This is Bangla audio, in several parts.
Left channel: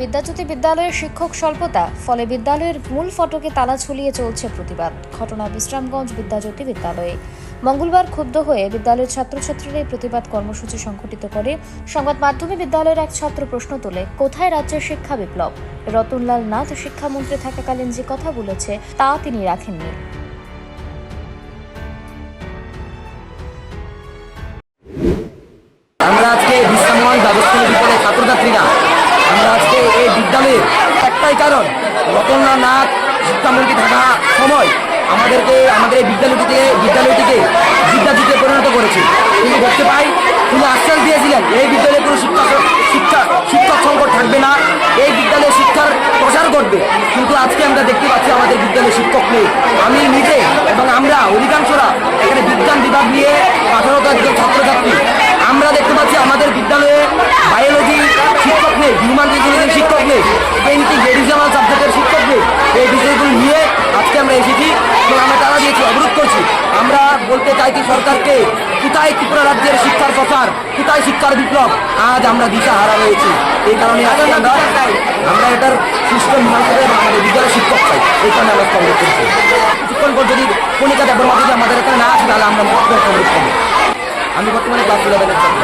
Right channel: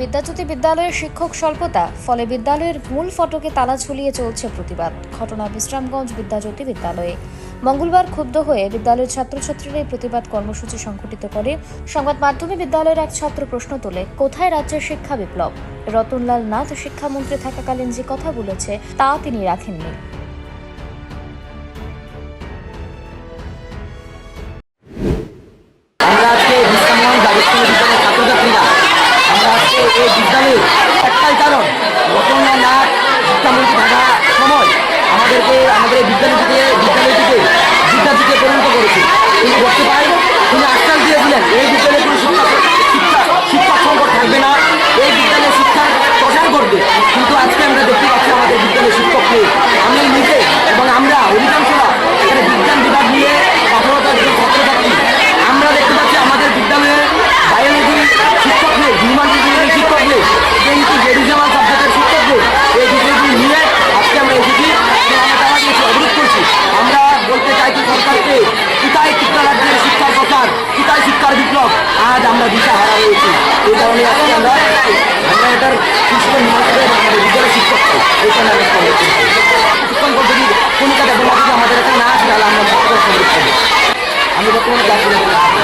বিদ্যাজ্যোতি বিদ্যালয়ের শিক্ষক স্বল্পতা, ফলে বিদ্যালয়ের মূল ফটকে তালা ঝুলিয়ে চলছে প্রতিবাদ। ঘটনা বিশ্রামগঞ্জ বিদ্যাজ্যোতি বিদ্যালয়ে। মঙ্গলবার ক্ষুব্ধ হয়ে বিদ্যালয়ের ছাত্রছাত্রীরা এই প্রতিবাদ কর্মসূচি সংঘটিত করে। সংবাদ মাধ্যমে বিদ্যালয়ের এক ছাত্র প্রশ্ন তোলে, কোথায় রাজ্যের শিক্ষা বিপ্লব? রতনলাল নাথ শিক্ষামন্ত্রী থাকাকালীন যে কথা বলেছে, তা তিনি রাখেননি। একটাই কারণ। রতনলাল নাথ, শিক্ষামন্ত্রী থাকা সময় আমাদেরকে, আমাদের এই বিদ্যালয়টিকে বিদ্যালয়টিকে বিদ্যাপীঠে পরিণত করেছে। তিনি দেখতে পাই, তিনি আশ্বাস দিয়েছিলেন, এই বিদ্যালয়ে কোনো শিক্ষা শিক্ষা, শিক্ষক সংকট থাকবে না, এই বিদ্যালয়ে শিক্ষার প্রসার করবে কিন্তু আজকে আমরা দেখতে পাচ্ছি আমাদের বিদ্যালয়ে শিক্ষক নেই। আমি নিজে এবং আমরা অধিকাংশরা এখানে বিজ্ঞান বিভাগ নিয়ে আঠারোটা একজন ছাত্রছাত্রী আমরা দেখতে পাচ্ছি আমাদের বিদ্যালয়ে বায়োলজি শিক্ষক নেই হিউম্যান রিজনিং শিক্ষক নেই কিন্তু রিজনাল সাবজেক্টের শিক্ষক নেই এই বিষয়গুলি নিয়ে আজকে আমরা এসেছি যে আমরা তারা দিয়েছি অবরোধ করছি আমরা বলতে চাইছি সরকারকে কোথায় ত্রিপুরা রাজ্যের শিক্ষার প্রচার? কোথায় শিক্ষার বিপ্লব? আজ আমরা দিশা হারা রয়েছি। এই কারণে আজকে আমরা আমরা এটার সিস্টেম ভালো করে আমাদের বিদ্যালয়ের শিক্ষক চাই। এই কারণে আমরা সংগ্রহ করছি কিছুক্ষণ পর যদি কণিকা দেবনা যদি আমাদের এখানে না আসে তাহলে আমরা সংগ্রহ করব আমি বর্তমানে ক্লাস ইলেভেনের ছাত্র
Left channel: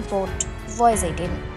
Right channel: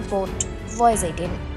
Report, Voice 18.